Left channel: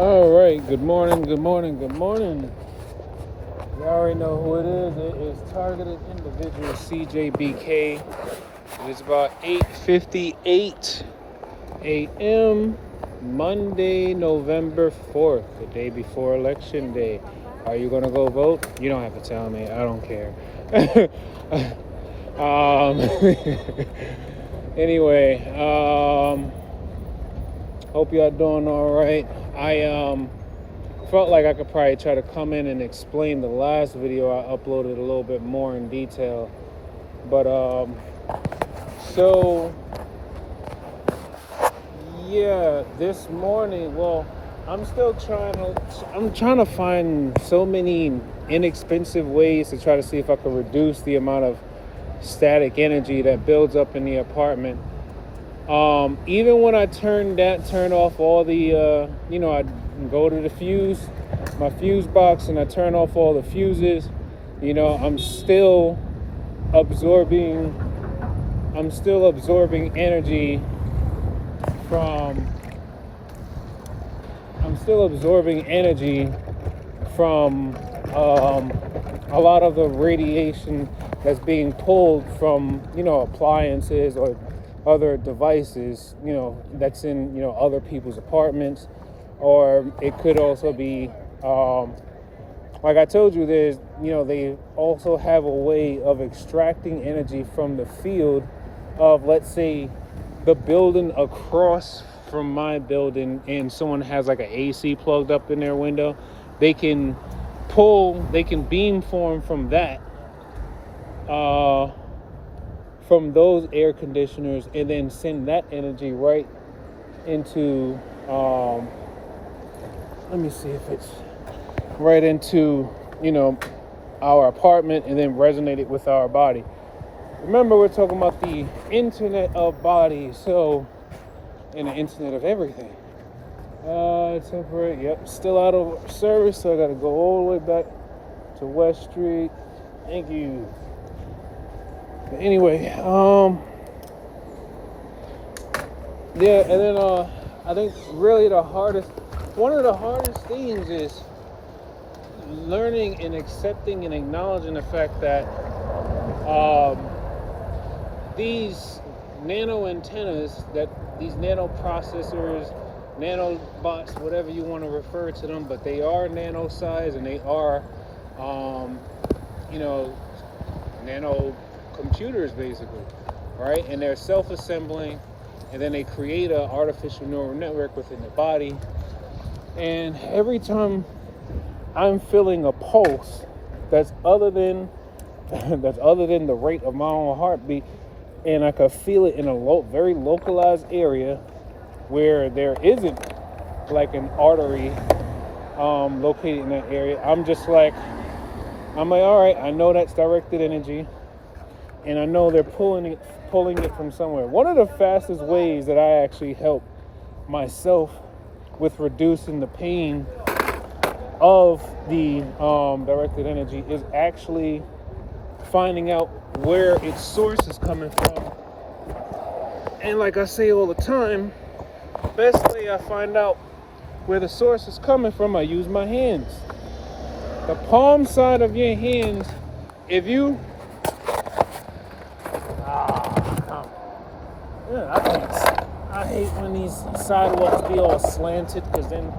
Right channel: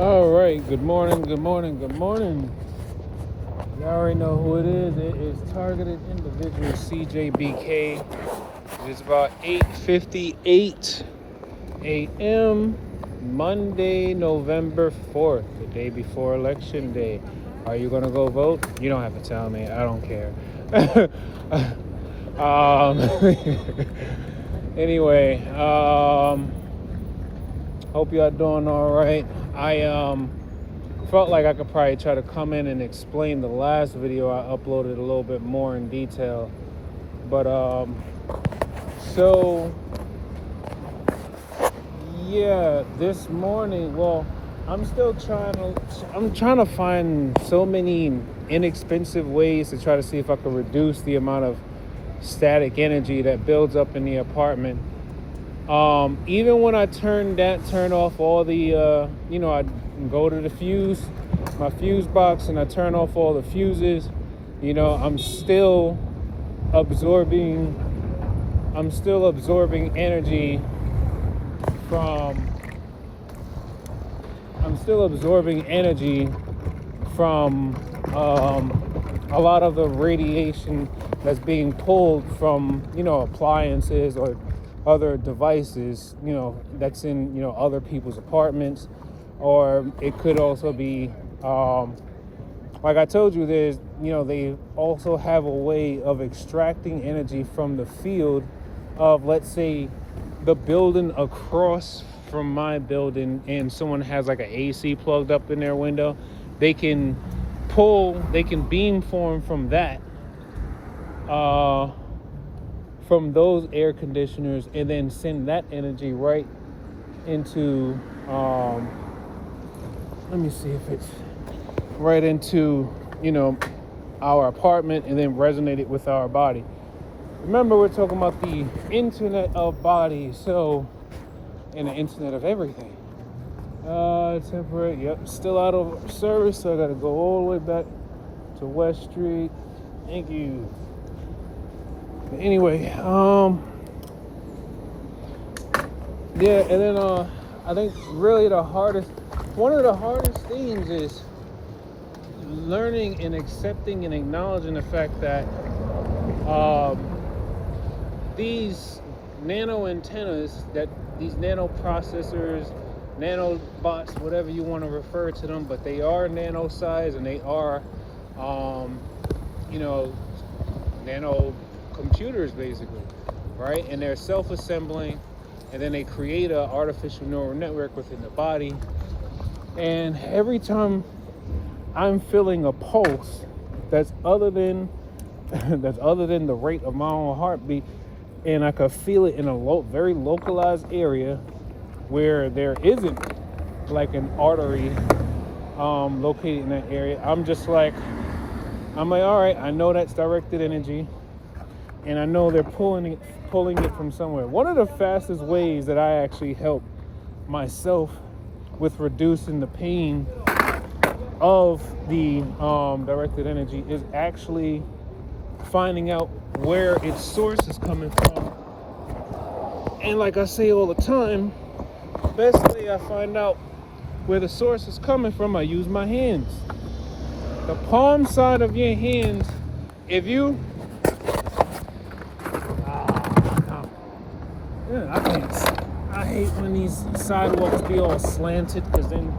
All right, good morning, good morning, good morning. You already know who it is. It is Targeted Individual CJBK. It is about 8:58 a.m. Monday, November 4th, the day before Election Day. Are you going to go vote? You don't have to tell me. I don't care. Anyway, hope y'all doing all right. I felt like I could probably try to come in and explain the last video I uploaded a little bit more in detail, but so yeah, this morning, well, I'm trying to find so many inexpensive ways to try to see if I can reduce the amount of static energy that builds up in the apartment. Even when I turn off all the, I go to my fuse box, and I turn off all the fuses, I'm still absorbing energy from a lot of the radiation that's being pulled from, appliances or other devices, that's in, other people's apartments. Or it could also be, like I told you, they also have a way of extracting energy from the field of, let's say, the building across from my building, and someone has like an AC plugged up in their window. They can beamform from that, from those air conditioners, and then send that energy right into, let me see if it's right into, our apartment, and then resonate it with our body. Remember, we're talking about the internet of bodies, so, and the internet of everything. Temporary, yep, still out of service, so I gotta go all the way back to West Street. Thank you. But anyway, yeah, and then I think really one of the hardest things is learning and accepting and acknowledging the fact that these nano antennas, these nano processors, nanobots, whatever you want to refer to them, but they are nano size, and they are, nano computers basically, right? And they're self-assembling, and then they create an artificial neural network within the body. And every time I'm feeling a pulse that's other than the rate of my own heartbeat, and I could feel it in a very localized area where there isn't like an artery located in that area, I'm like, all right, I know that's directed energy, and I know they're pulling it from somewhere. One of the fastest ways that I actually help myself with reducing the pain of the directed energy is actually finding out where its source is coming from. And like I say all the time, best way I find out where the source is coming from, I use my hands. The palm side of your hands, if you I hate when these sidewalks be all slanted, because then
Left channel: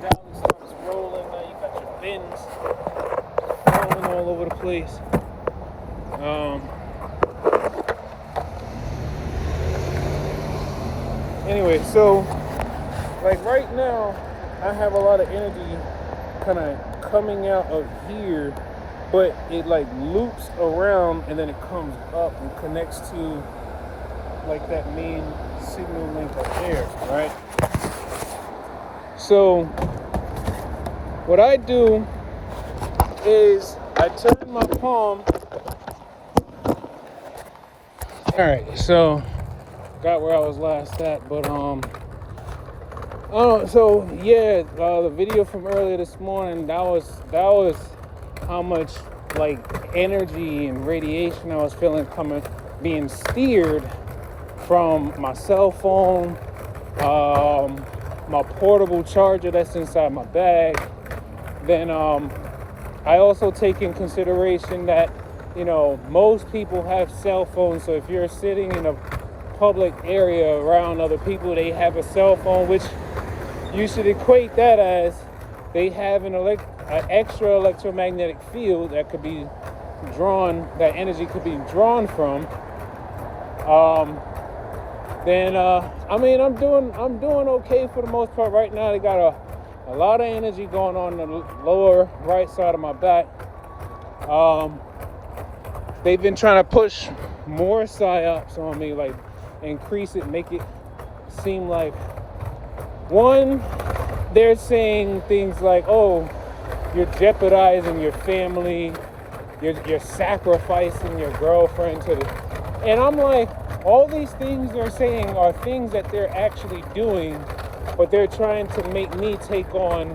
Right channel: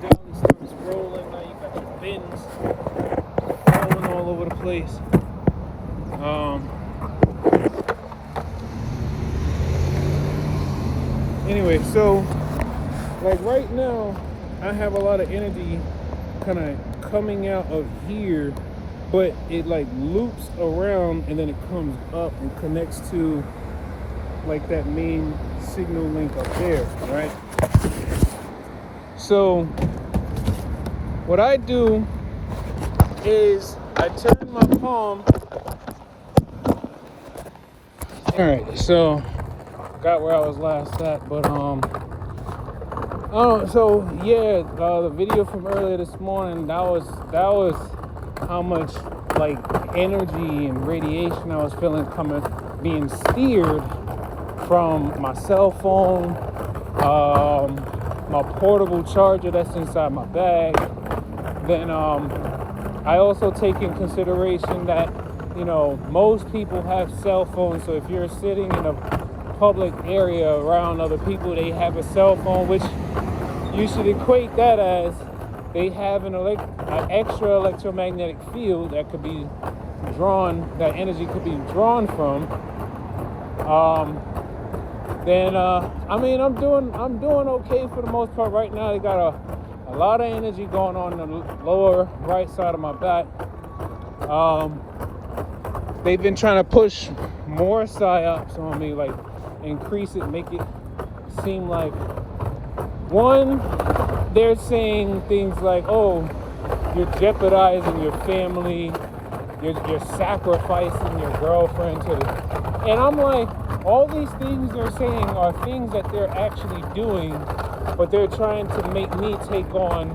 dolly starts rolling. Now you got your bins rolling all over the place. Anyway, so like right now, I have a lot of energy kind of coming out of here, but it like loops around, and then it comes up and connects to like that main signal link up there, right? So what I do is I turn my palm. All right, so got where I was last at, but so yeah, the video from earlier this morning, that was how much like energy and radiation I was feeling being steered from my cell phone, my portable charger that's inside my bag. Then I also take in consideration that, you know, most people have cell phones. So if you're sitting in a public area around other people, they have a cell phone, which you should equate that as they have an extra electromagnetic field that could be drawn, that energy could be drawn from. Then I mean, I'm doing okay for the most part. Right now they got a lot of energy going on in the lower right side of my back. They've been trying to push more psyops on me, like increase it, make it seem like, one, they're saying things like, oh, you're jeopardizing your family, you're sacrificing your girlfriend to the, and I'm like, all these things they're saying are things that they're actually doing, but they're trying to make me take on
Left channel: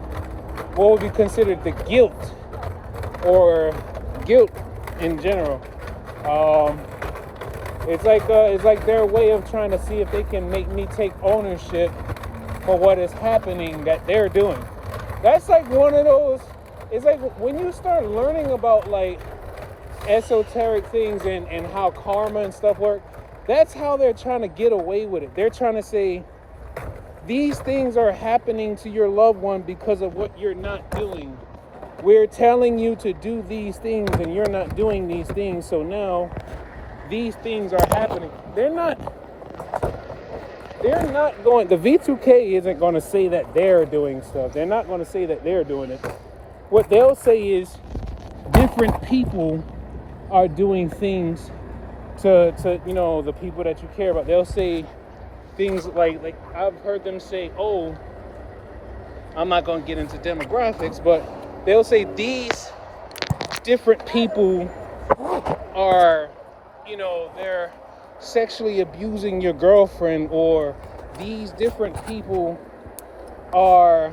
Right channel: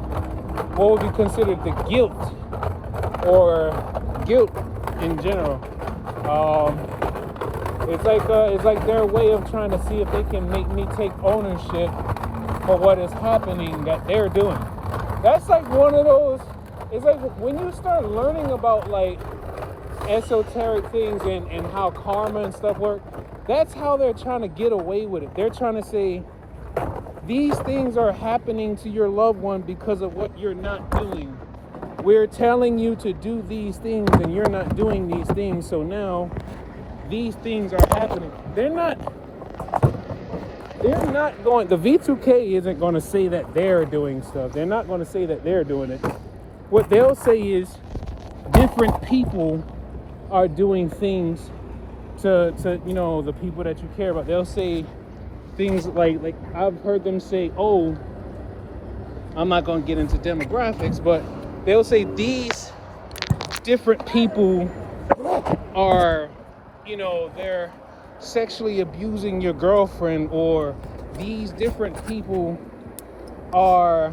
what would be considered the guilt, or guilt in general. It's like their way of trying to see if they can make me take ownership for what is happening that they're doing. That's like one of those, it's like when you start learning about like esoteric things and how karma and stuff work, that's how they're trying to get away with it. They're trying to say, these things are happening to your loved one because of what you're not doing. We're telling you to do these things and you're not doing these things, so now these things are happening. They're not going, the V2K isn't going to say that they're doing stuff. They're not going to say that they're doing it. What they'll say is different people are doing things to you know, the people that you care about. They'll say things like I've heard them say, oh, I'm not going to get into demographics, but they'll say these different people are, you know, they're sexually abusing your girlfriend, or these different people are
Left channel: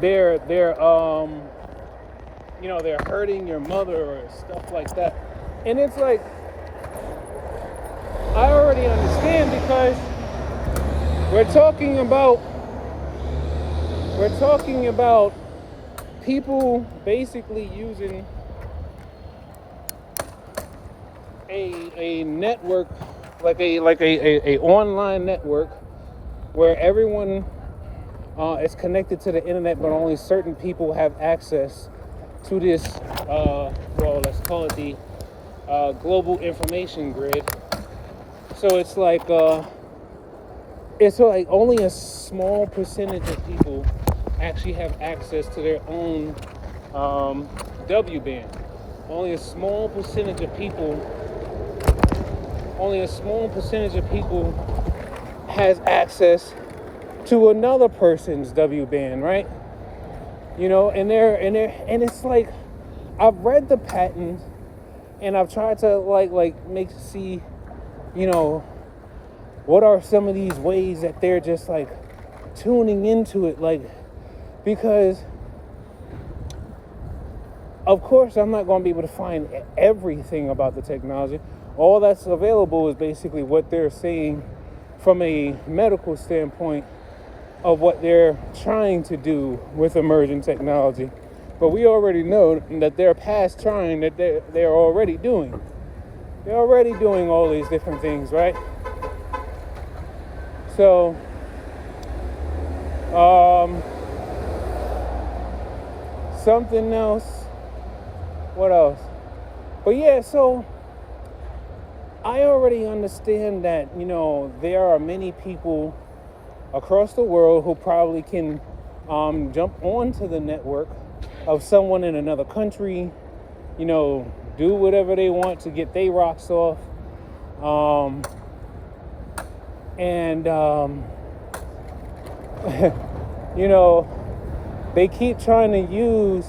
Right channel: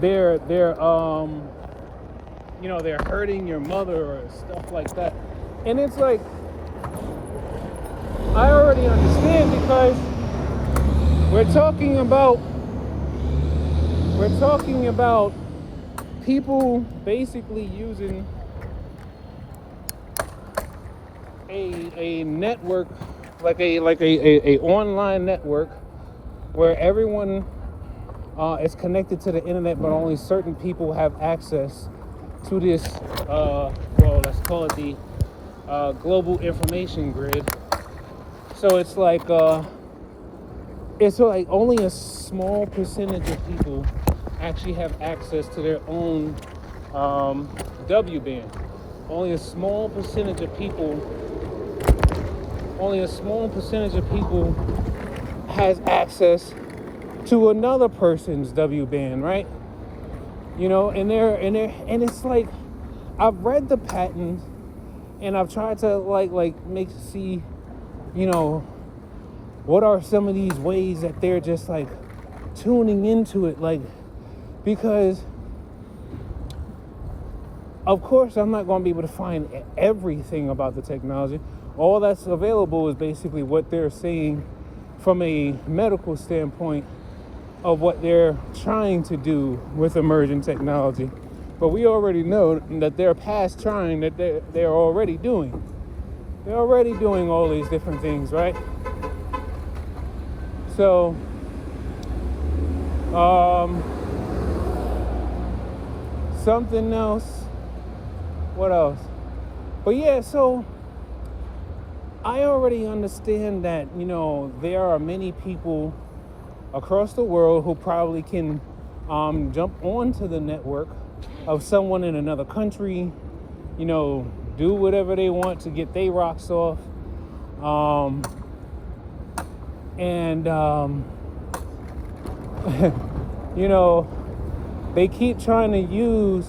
they're you know, they're hurting your mother or stuff like that. And it's like, I already understand, because we're talking about people basically using a network, like a online network where everyone is connected to the internet, but only certain people have access to this well, let's call it the global information grid. So it's like only a small percentage of people actually have access to their own W band. Only a small percentage of people has access to another person's W band, right? You know, and it's like, I've read the patent and I've tried to like see, you know, what are some of these ways that they're just like tuning into it, like, because of course I'm not going to be able to find everything about the technology. All that's available is basically what they're saying from a medical standpoint of what they're trying to do with emerging technology. But we already know that they're past trying, that they're already doing. They're already doing all these different things, right? So, something else. What else? But yeah, so I already understand that, you know, there are many people across the world who probably can jump onto the network of someone in another country, you know, do whatever they want to get their rocks off. You know, they keep trying to use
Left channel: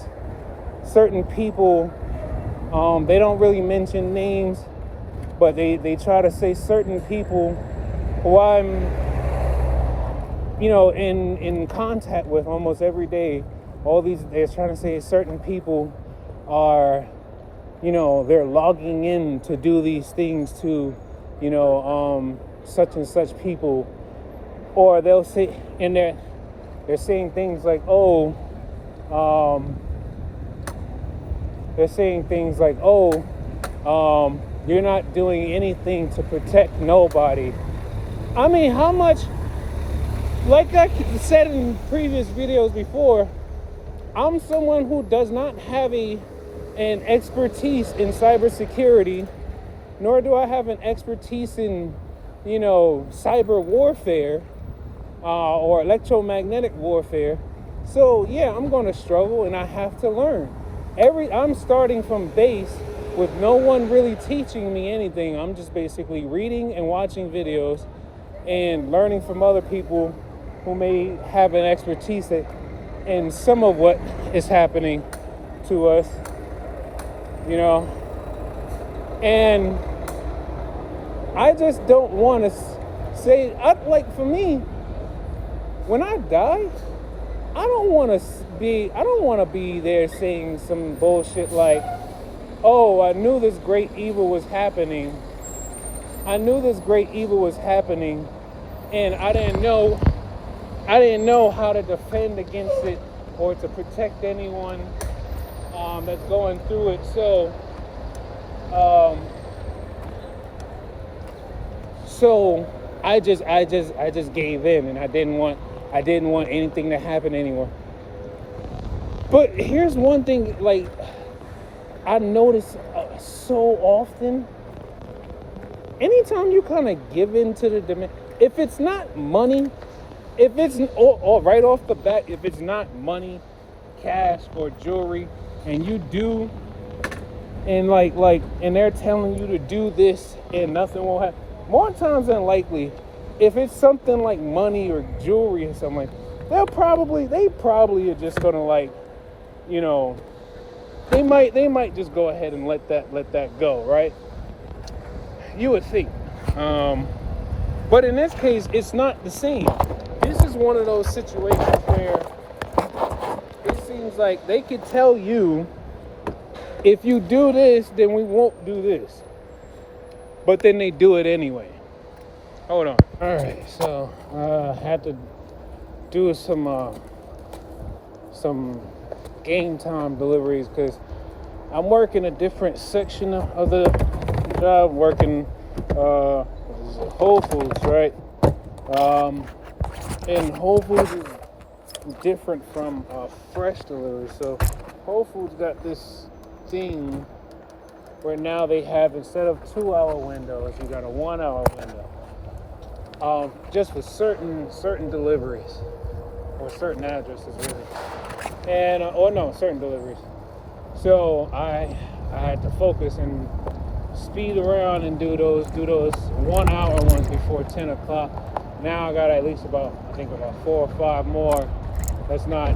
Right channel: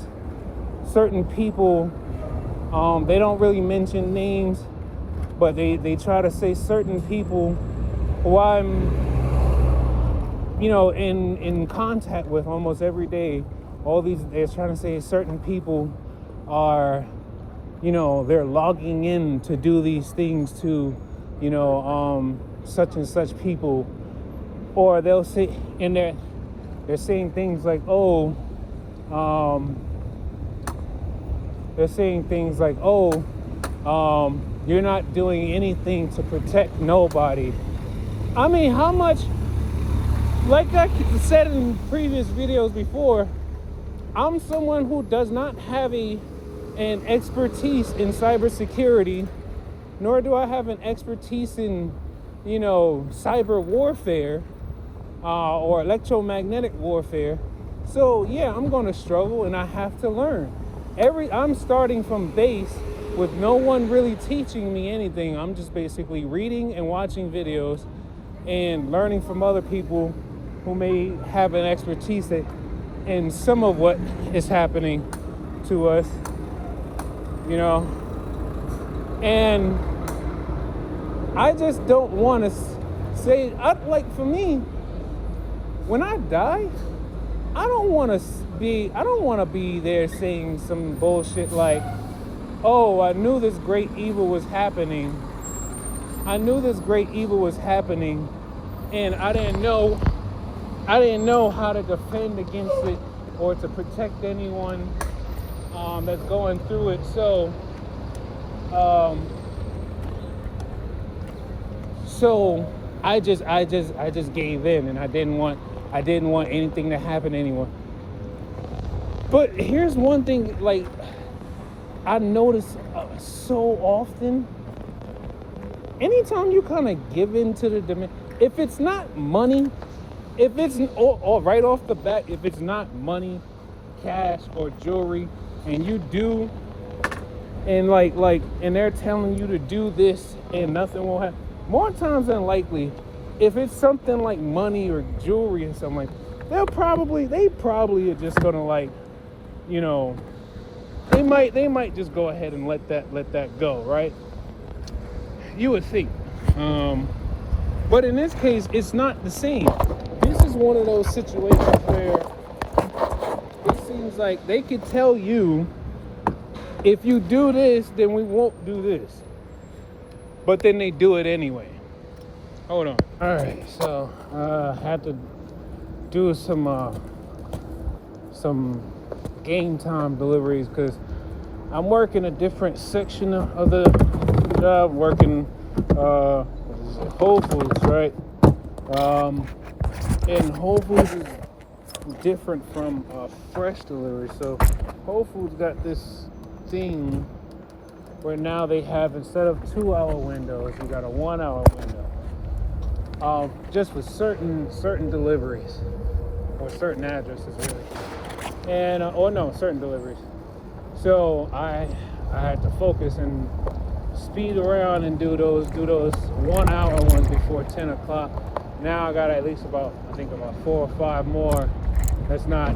certain people. They don't really mention names, but they try to say certain people who I'm, you know, in contact with almost every day. They're trying to say certain people are, you know, they're logging in to do these things to, you know, such and such people. or they'll say, and they're saying things like, oh, they're saying things like, oh, you're not doing anything to protect nobody. I mean, how much, like I said in previous videos before, I'm someone who does not have an expertise in cybersecurity, nor do I have an expertise in, cyber warfare or electromagnetic warfare. So yeah, I'm gonna struggle and I have to learn. I'm starting from base with no one really teaching me anything. I'm just basically reading and watching videos and learning from other people who may have an expertise in some of what is happening to us, and I just don't want to say, like, for me, when I die, I don't want to be there saying some bullshit like, oh, I knew this great evil was happening. And I didn't know how to defend against it or to protect anyone that's going through it. So I just gave in, and I didn't want anything to happen to anyone. But here's one thing, like, I notice so often, anytime you kind of give in to the demand, if it's not money, if it's or right off the bat, if it's not money, cash, or jewelry, and you do, and and they're telling you to do this and nothing will happen, more times than likely, if it's something like money or jewelry or something, they probably are just gonna, they might just go ahead and let that go, right? You would think. But in this case, it's not the same. This is one of those situations where it seems like they could tell you, if you do this, then we won't do this. But then they do it anyway. Hold on. All right, so I had to do some game time deliveries because I'm working a different section of the job, working Whole Foods, right? And Whole Foods is different from fresh delivery. So Whole Foods got this thing where now they have, instead of 2-hour windows, you got a 1-hour window, just for certain deliveries or certain addresses, really. And certain deliveries. So I had to focus and speed around and do those 1-hour ones before 10 o'clock. Now I got at least about 4 or 5 more that's not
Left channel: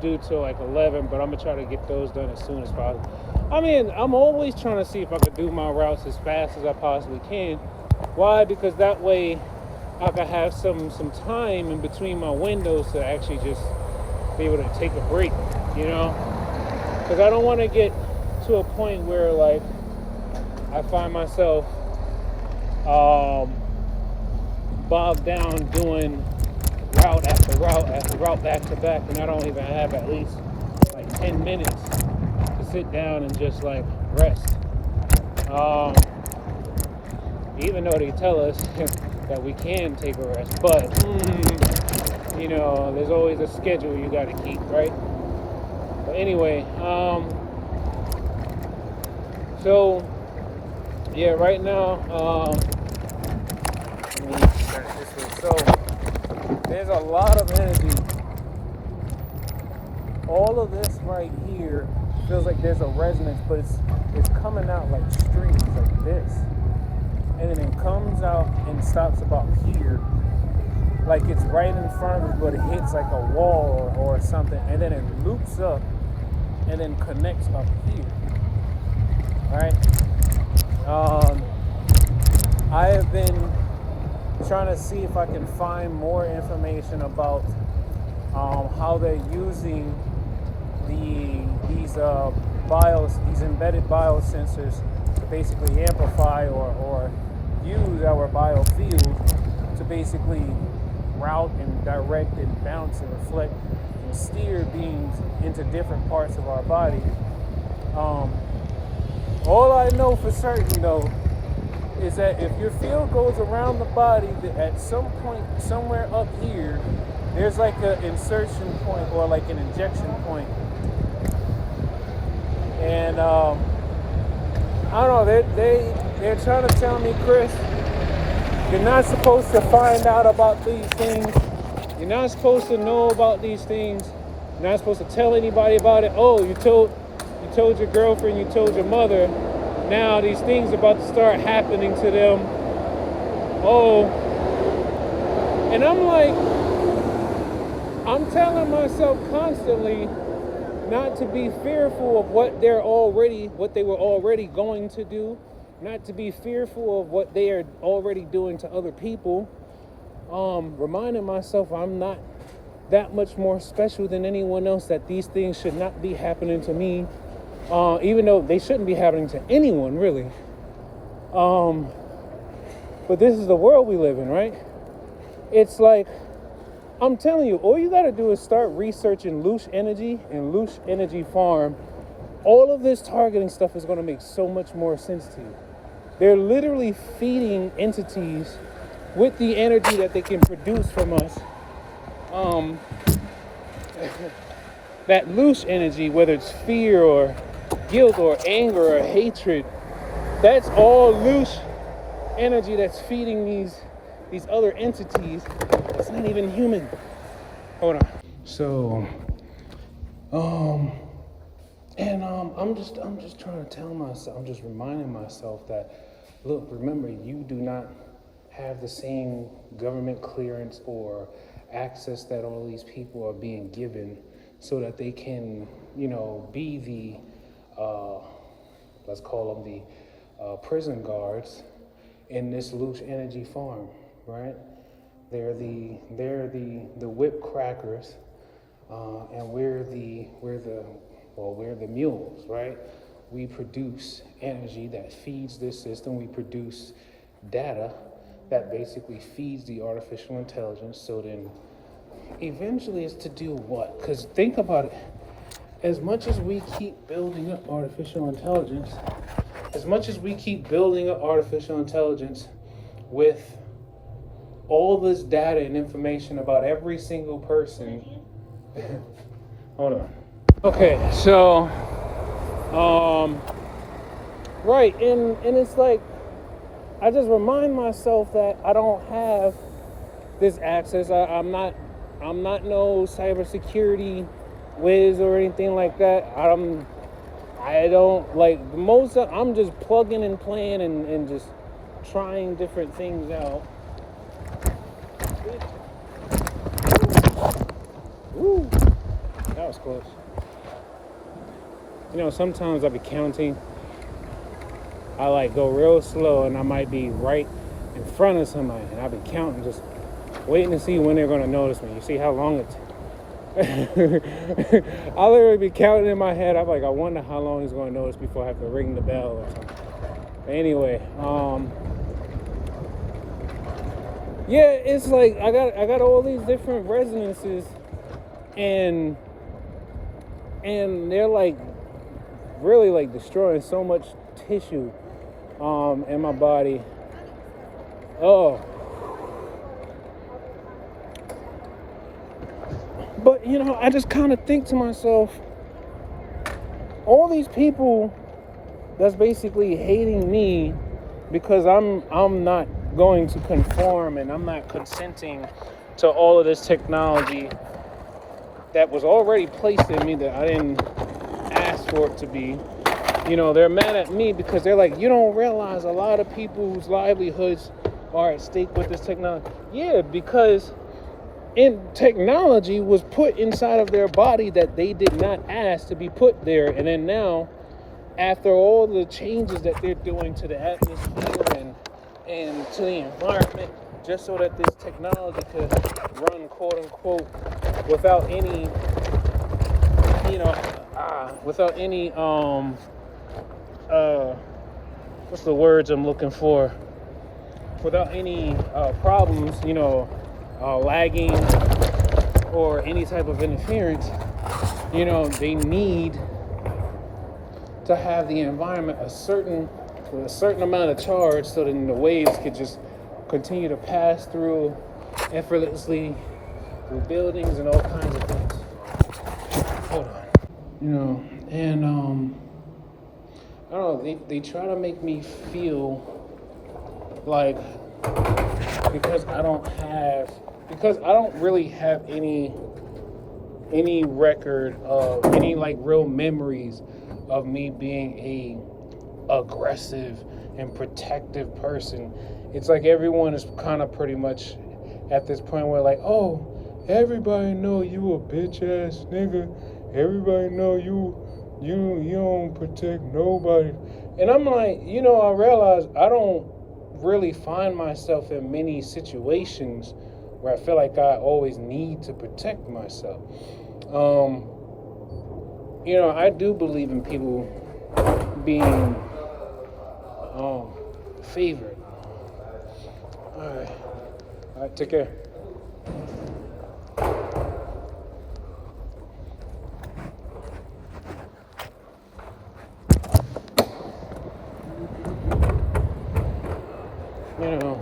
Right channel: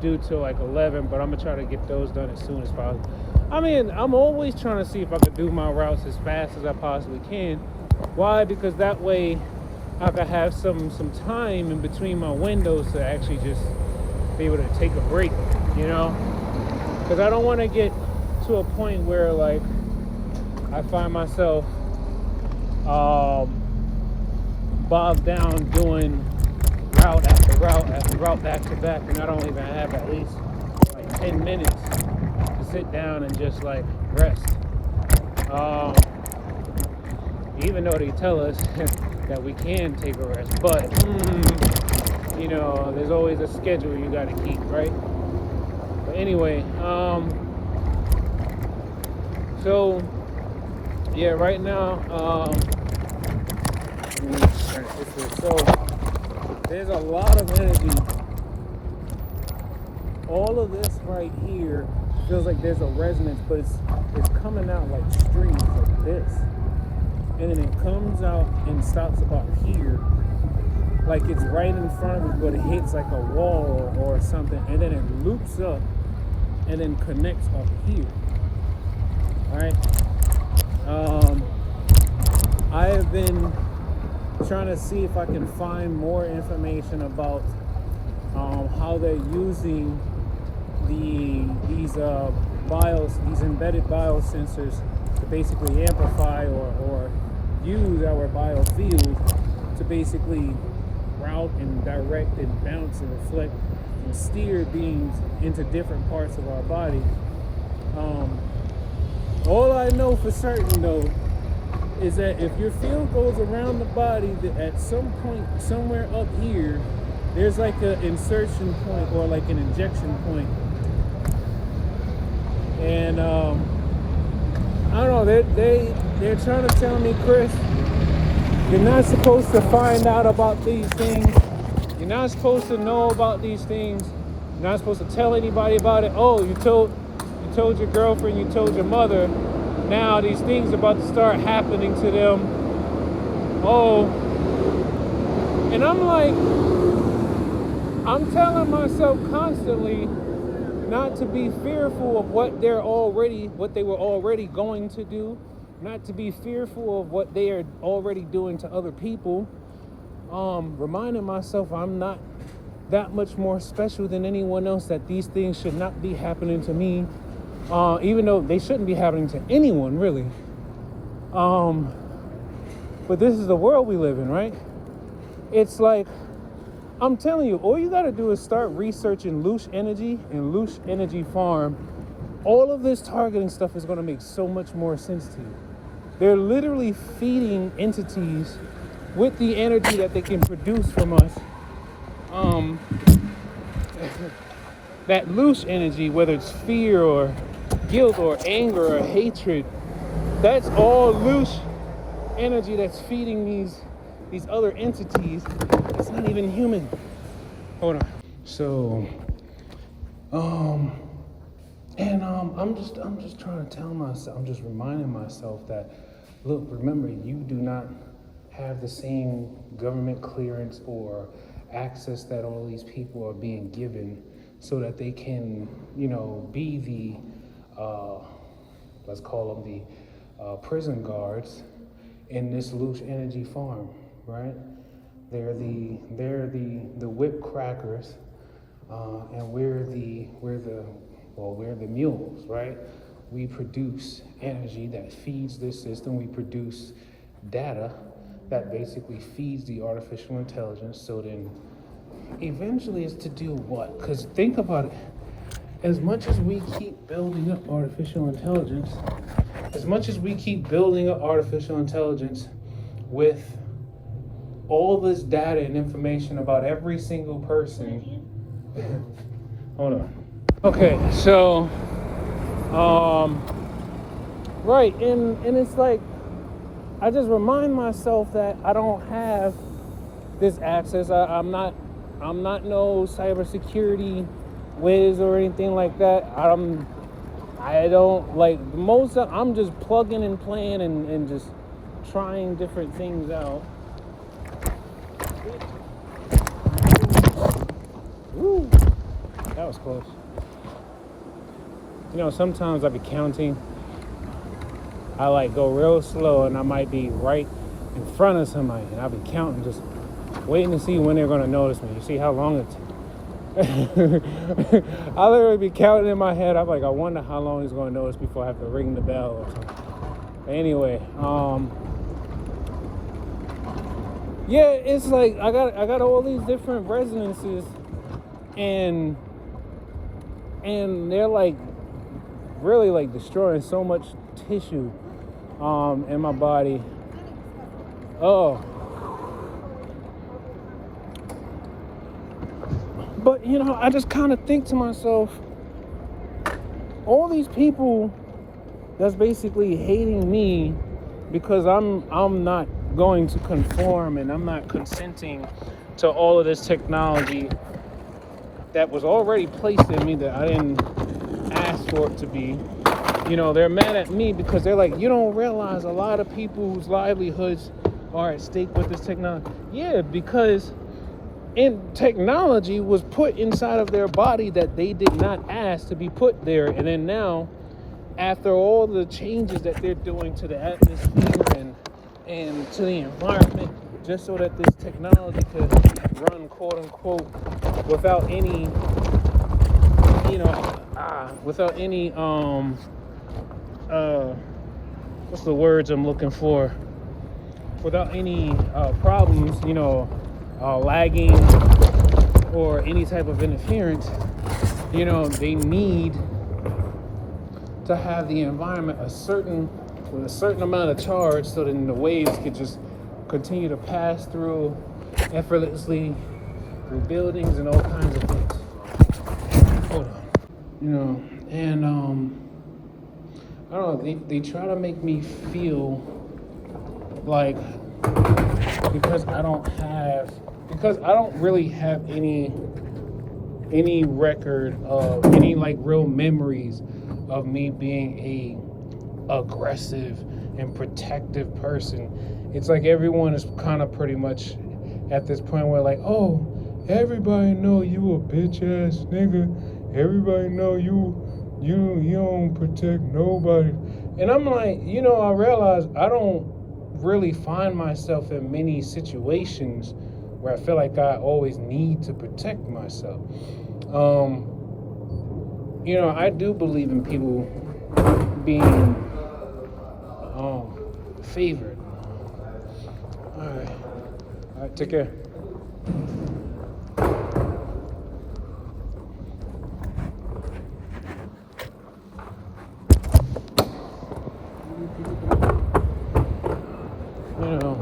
due till 11, but I'm gonna try to get those done as soon as possible. I mean, I'm always trying to see if I could do my routes as fast as I possibly can. Why? Because that way I can have some time in between my windows to actually just be able to take a break, because I don't want to get to a point where I find myself bogged down doing route after route after route back to back, and I don't even have at least 10 minutes to sit down and just rest. Even though they tell us that we can take a rest, but there's always a schedule you got to keep, right? But anyway, so yeah, right now, let me turn it this way. So there's a lot of energy. All of this right here feels like there's a resonance, but it's coming out like streams like this, and then it comes out and stops about here, like it's right in front of it, but it hits like a wall or something, and then it loops up and then connects up here. Right? I have been trying to see if I can find more information about how they're using these embedded biosensors to basically amplify or use our biofield to basically route and direct and bounce and reflect and steer beams into different parts of our body. All I know for certain though is that if your field goes around the body, that at some point somewhere up here there's like an insertion point or like an injection point. And I don't know, they're trying to tell me, Chris, you're not supposed to find out about these things. You're not supposed to know about these things. You're not supposed to tell anybody about it. Oh, you told your girlfriend, you told your mother. Now these things are about to start happening to them. Oh. And I'm like, I'm telling myself constantly not to be fearful of what they were already going to do, not to be fearful of what they are already doing to other people. Reminding myself I'm not that much more special than anyone else, that these things should not be happening to me, even though they shouldn't be happening to anyone really. But this is the world we live in, right? It's like, I'm telling you, all you gotta do is start researching Loosh Energy and Loosh Energy Farm. All of this targeting stuff is gonna make so much more sense to you. They're literally feeding entities with the energy that they can produce from us. That Loosh energy, whether it's fear or guilt or anger or hatred, that's all Loosh energy that's feeding these other entities. It's not even human. Hold on. So, I'm just trying to tell myself, I'm just reminding myself that, look, remember, you do not have the same government clearance or access that all these people are being given so that they can, be the, let's call them the prison guards in this Loosh Energy Farm, right? They're the whip crackers, and we're the mules, right? We produce energy that feeds this system. We produce data that basically feeds the artificial intelligence. So then eventually it's to do what? Because think about it. As much as we keep building up artificial intelligence, with all this data and information about every single person. Hold on. Okay, so, right, and it's like, I just remind myself that I don't have this access. I'm not no cybersecurity whiz or anything like that. I'm just plugging and playing and just trying different things out. Woo, that was close. Sometimes I'll be counting. I go real slow and I might be right in front of somebody. I'll be counting, just waiting to see when they're gonna notice me. You see how long it takes. I'll literally be counting in my head. I'm like, I wonder how long he's gonna notice before I have to ring the bell or something. Anyway, yeah, it's like I got all these different resonances, and they're like really like destroying so much tissue in my body. Oh. But I just kind of think to myself, all these people that's basically hating me because I'm not going to conform and I'm not consenting to all of this technology that was already placed in me that I didn't ask for it to be. They're mad at me because they're like, you don't realize a lot of people's livelihoods are at stake with this technology. Yeah, because technology was put inside of their body that they did not ask to be put there. And then now, after all the changes that they're doing to the atmosphere and to the environment, just so that this technology could run, quote unquote, without any what's the words I'm looking for? without any problems, lagging or any type of interference. They need to have the environment a certain amount of charge so that the waves could just continue to pass through effortlessly through buildings and all kinds of things. Hold on. And I don't know, they try to make me feel like because I don't really have any record of any like real memories of me being a aggressive and protective person. It's like everyone is kind of pretty much at this point where like, oh, everybody know you a bitch ass nigga. Everybody know you don't protect nobody. And I'm like, I realize I don't really find myself in many situations where I feel like I always need to protect myself. I do believe in people being favored. All right, take care.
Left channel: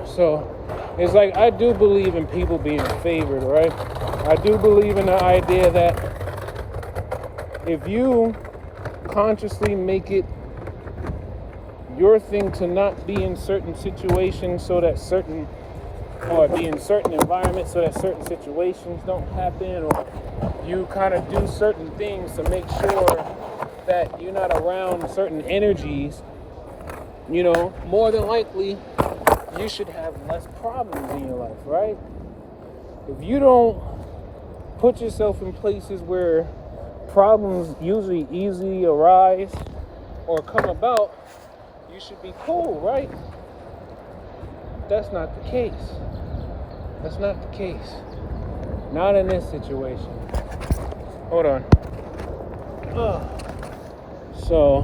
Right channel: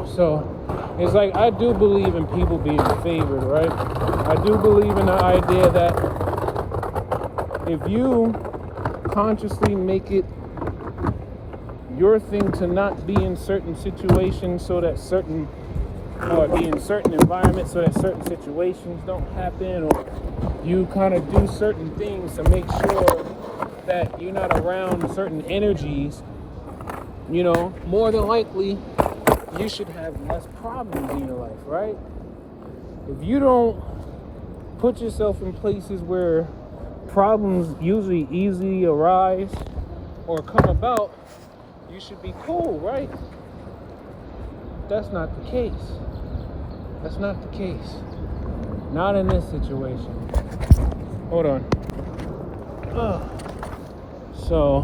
So it's like I do believe in people being favored, right? I do believe in the idea that if you consciously make it your thing to not be in certain situations so that be in certain environments so that certain situations don't happen, or you kind of do certain things to make sure that you're not around certain energies, more than likely you should have less problems in your life, right? If you don't put yourself in places where problems usually easily arise or come about, you should be cool, right? That's not the case. That's not the case. Not in this situation. Hold on. So,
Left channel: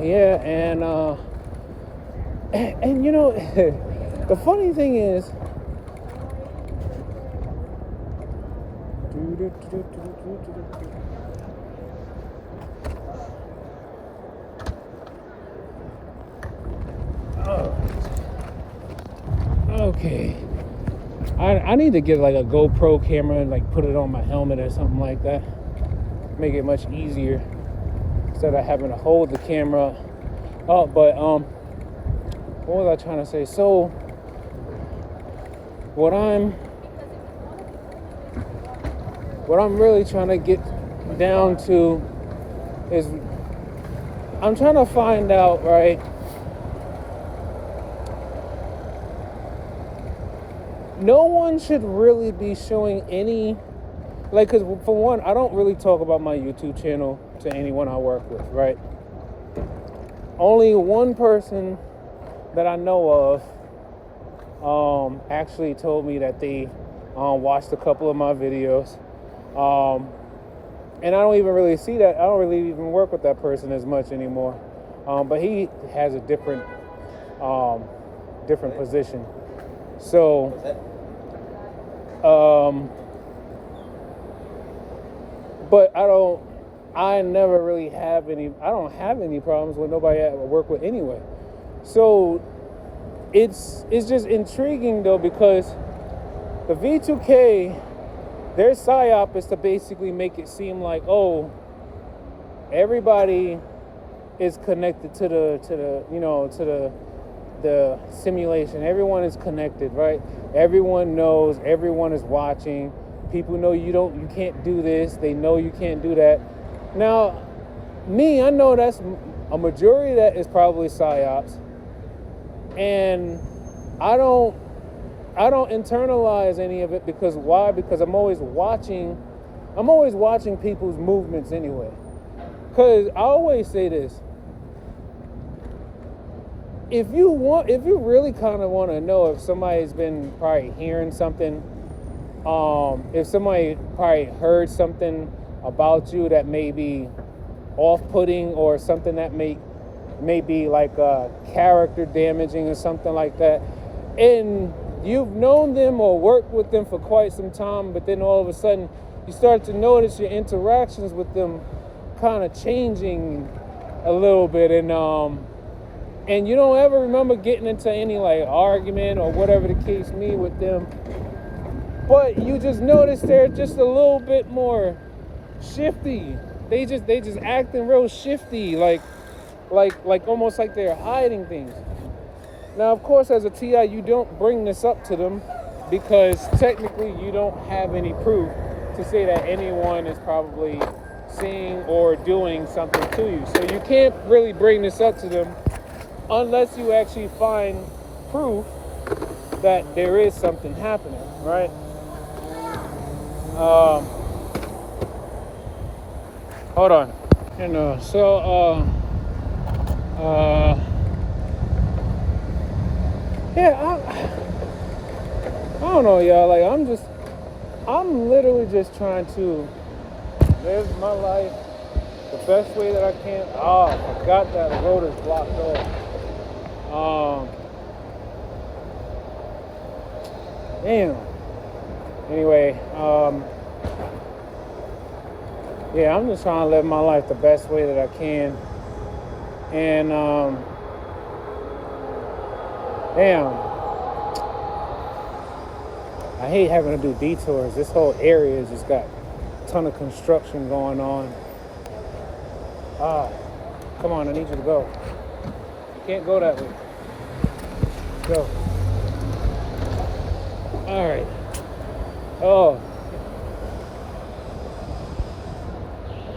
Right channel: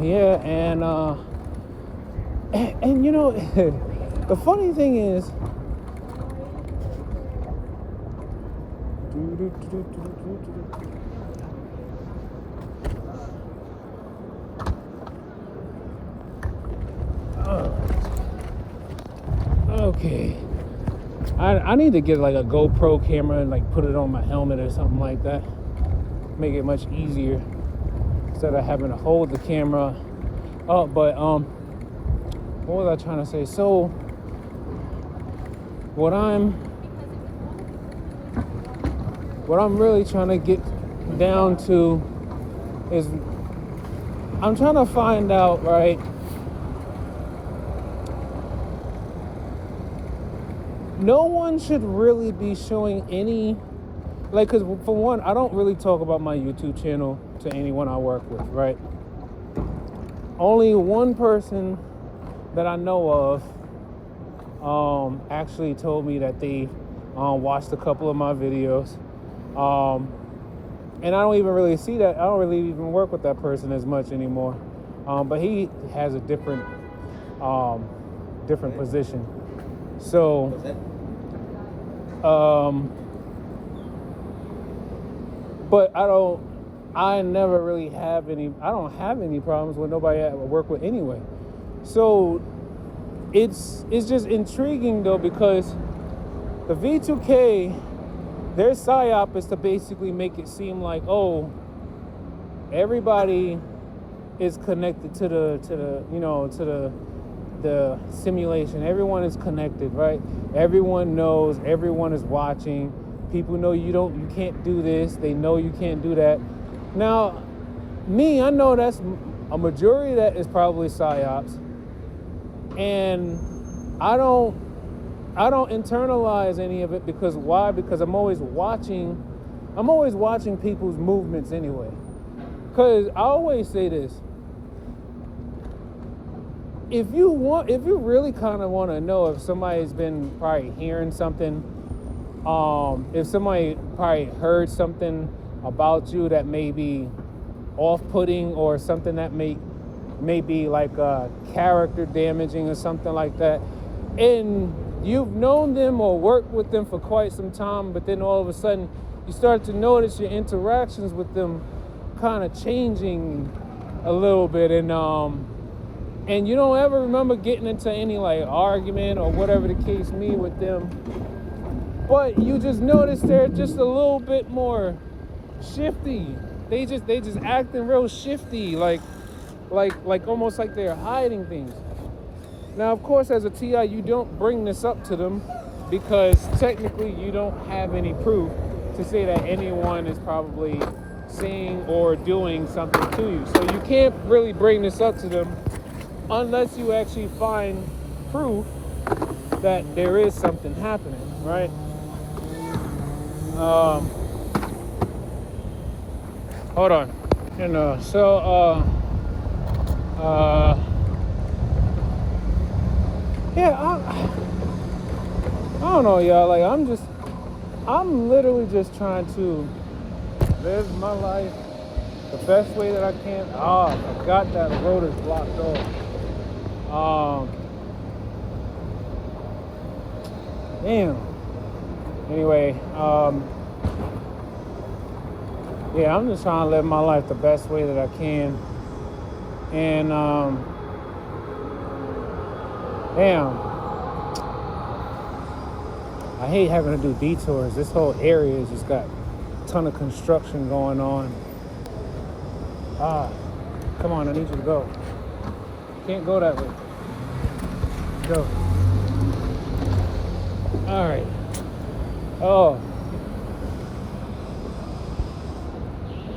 yeah, and the funny thing is, okay, I need to get like a GoPro camera and like put it on my helmet or something like that. Make it much easier instead of having to hold the camera. But what was I trying to say? So what I'm really trying to get down to is I'm trying to find out, right? No one should really be showing any, like, because for one, I don't really talk about my YouTube channel to anyone I work with, right? Only one person that I know of actually told me that they watched a couple of my videos. And I don't even really see that. I don't really even work with that person as much anymore. But he has a different position. So, but I never really have I don't have any problems with nobody I work with anyway. So it's just intriguing though, because the V2K, their psyop is to basically make it seem like, oh, everybody is connected to the simulation. Everyone is connected, right? Everyone knows, everyone is watching. People know you can't do this. They know you can't do that. Now, I know that's a majority of that is probably psyops. And I don't internalize any of it, because why? Because I'm always watching people's movements anyway. Because I always say this: if you really kind of want to know if somebody's been probably hearing something, if somebody probably heard something about you that may be off-putting, or something that may maybe like character damaging or something like that. And you've known them or worked with them for quite some time, but then all of a sudden you start to notice your interactions with them kind of changing a little bit, and you don't ever remember getting into any like argument or whatever the case may with them, but you just notice they're just a little bit more shifty. They just acting real shifty, like almost like they're hiding things. Now, of course, as a TI, you don't bring this up to them because technically you don't have any proof to say that anyone is probably seeing or doing something to you. So you can't really bring this up to them unless you actually find proof that there is something happening, right? Hold on. Yeah, I don't know, y'all. Like, I'm literally just trying to live my life the best way that I can. Oh, I forgot that road is blocked off. Damn. Anyway, yeah, I'm just trying to live my life the best way that I can. And, damn. I hate having to do detours. This whole area has just got a ton of construction going on. Oh, come on, I need you to go. You can't go that way. Go. All right. Oh.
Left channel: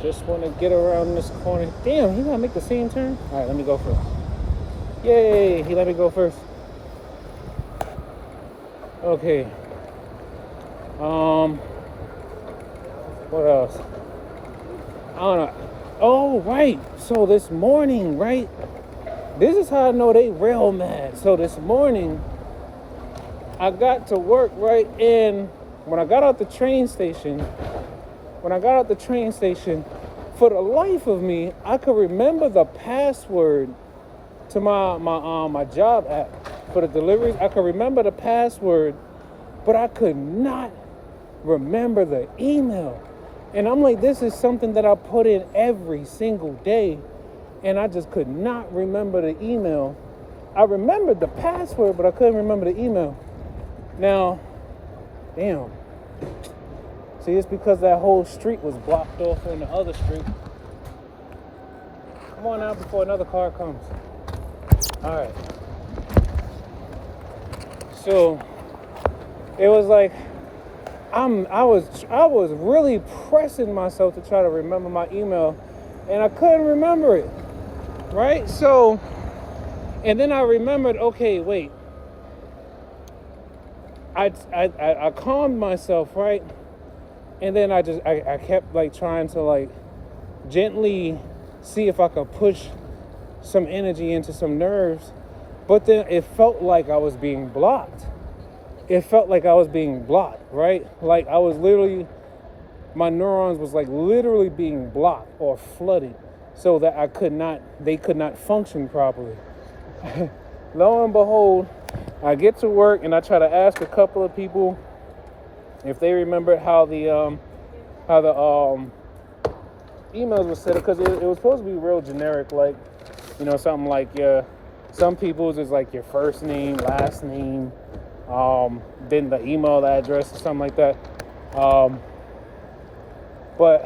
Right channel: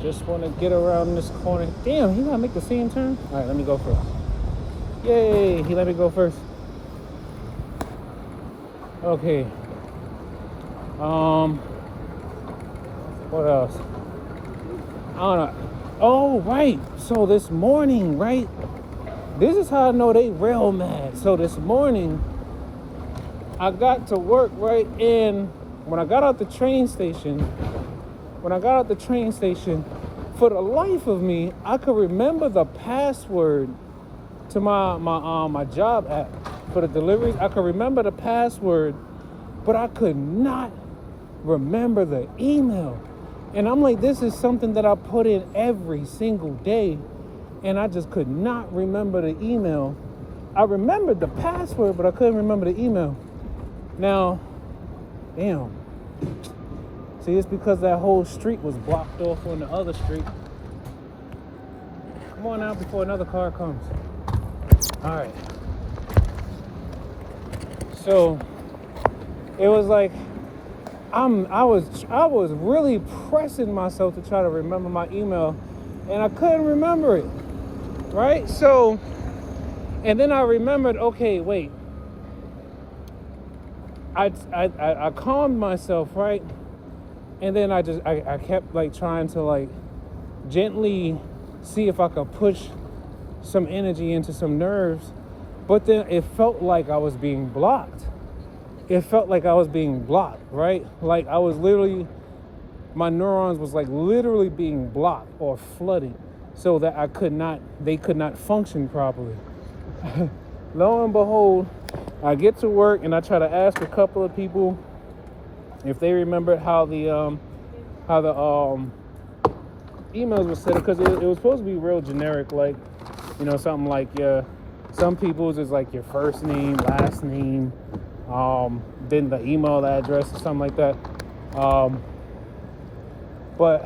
Just want to get around this corner. Damn, he gonna make the same turn? All right, let me go first. Yay, he let me go first. Okay. What else? I don't know. Oh, right. So this morning, right? This is how I know they real mad. So this morning, I got to work, right? And when I got out the train station, for the life of me, I could remember the password to my job app for the deliveries. I could remember the password, but I could not remember the email. And I'm like, this is something that I put in every single day, and I just could not remember the email. I remembered the password, but I couldn't remember the email. Now, damn. See, it's because that whole street was blocked off on the other street. Come on out before another car comes. All right. So it was like I was really pressing myself to try to remember my email, and I couldn't remember it. Right? So, and then I remembered, okay, wait. I calmed myself, right? And then I kept like trying to like gently see if I could push some energy into some nerves, but then it felt like I was being blocked. Right? Like I was literally, my neurons was like literally being blocked or flooded so that they could not function properly. Lo and behold, I get to work and I try to ask a couple of people if they remember how the emails were set up, because it was supposed to be real generic, like, you know, something like some people's is like your first name, last name, then the email address or something like that. But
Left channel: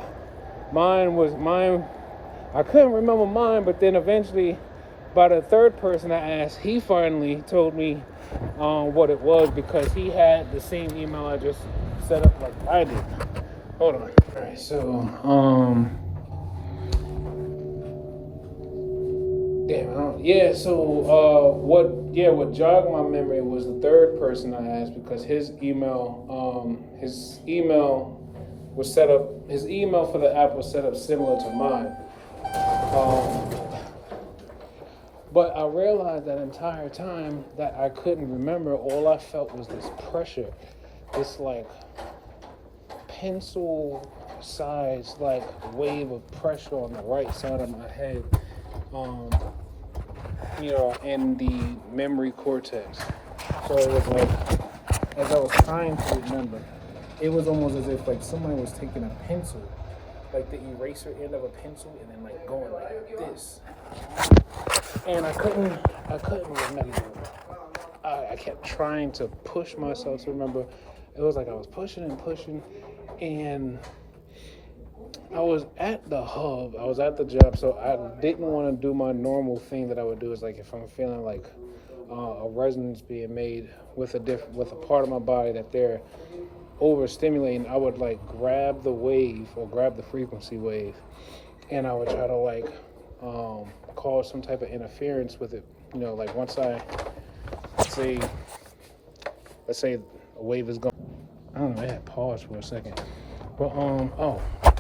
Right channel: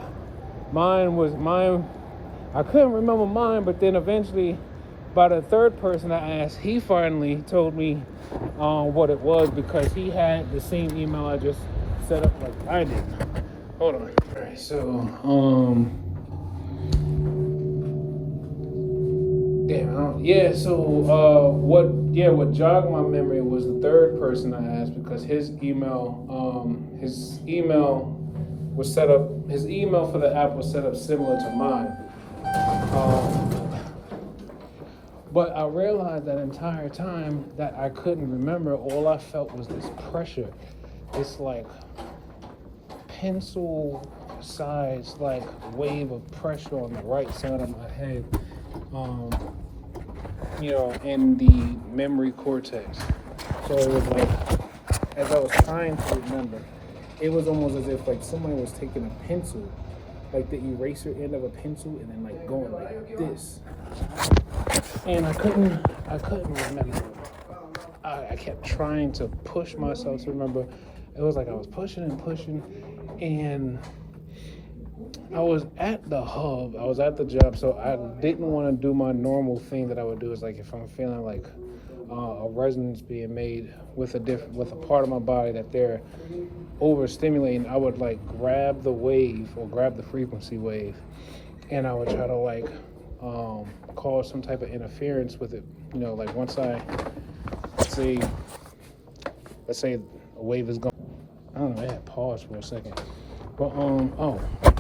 mine, I couldn't remember mine, but then eventually by the third person I asked, he finally told me what it was, because he had the same email address set up like I did. Hold on. All right, so what jogged my memory was the third person I asked, because his email was set up. His email for the app was set up similar to mine. But I realized that entire time that I couldn't remember. All I felt was this pressure, this like pencil-sized like wave of pressure on the right side of my head. in the memory cortex. So it was like, as I was trying to remember, it was almost as if like somebody was taking a pencil, like the eraser end of a pencil, and then like going like this. And I couldn't remember. I kept trying to push myself to remember. It was like I was pushing and pushing, and I was at the hub. I was at the job, so I didn't want to do my normal thing that I would do. Is like if I'm feeling like a resonance being made with a part of my body that they're overstimulating, I would like grab the wave or grab the frequency wave, and I would try to like cause some type of interference with it. Like once let's say a wave is going. I don't know. I had paused for a second. But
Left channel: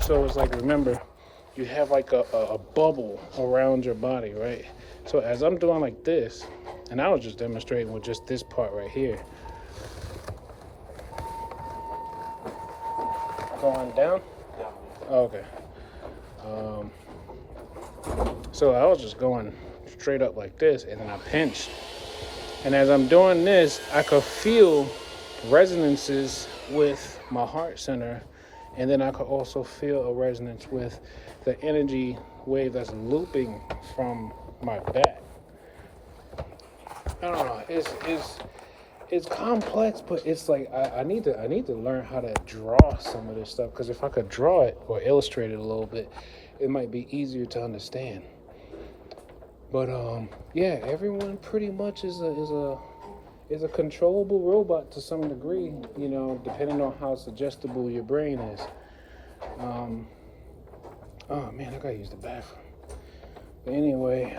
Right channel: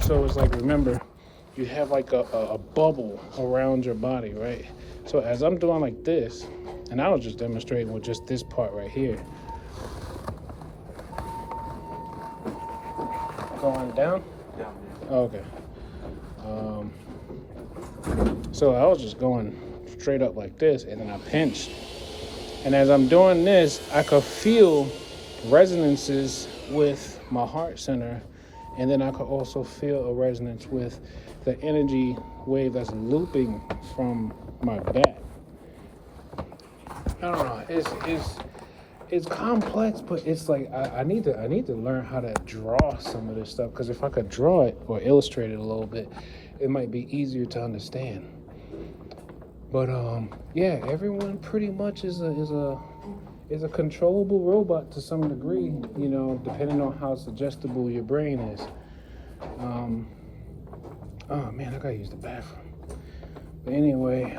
so it's like, remember, you have like a bubble around your body, right? So as I'm doing like this, and I was just demonstrating with just this part right here, going down. Okay. So I was just going straight up like this, and then I pinched. And as I'm doing this, I could feel resonances with my heart center. And then I could also feel a resonance with the energy wave that's looping from my back. I don't know. It's complex, but it's like I need to learn how to draw some of this stuff, because if I could draw it or illustrate it a little bit, it might be easier to understand. But yeah, everyone pretty much is a controllable robot to some degree, depending on how suggestible your brain is. Oh man, I gotta use the bathroom. But anyway,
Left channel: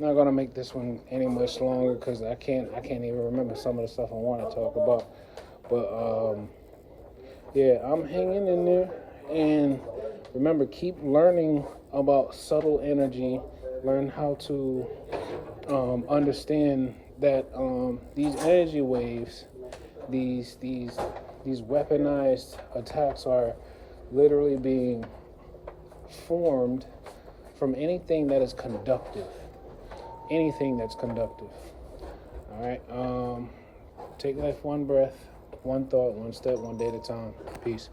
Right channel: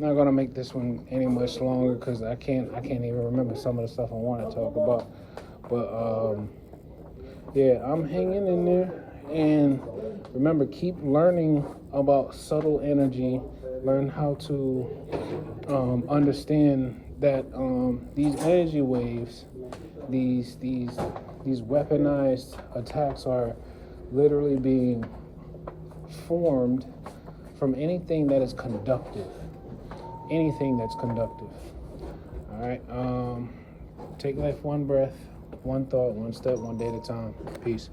not gonna make this one any much longer because I can't even remember some of the stuff I want to talk about. But yeah, I'm hanging in there, and remember, keep learning about subtle energy. Learn how to understand that these energy waves, these weaponized attacks are literally being formed from anything that is conductive. Anything that's conductive. All right. Take life one breath, one thought, one step, one day at a time. Peace.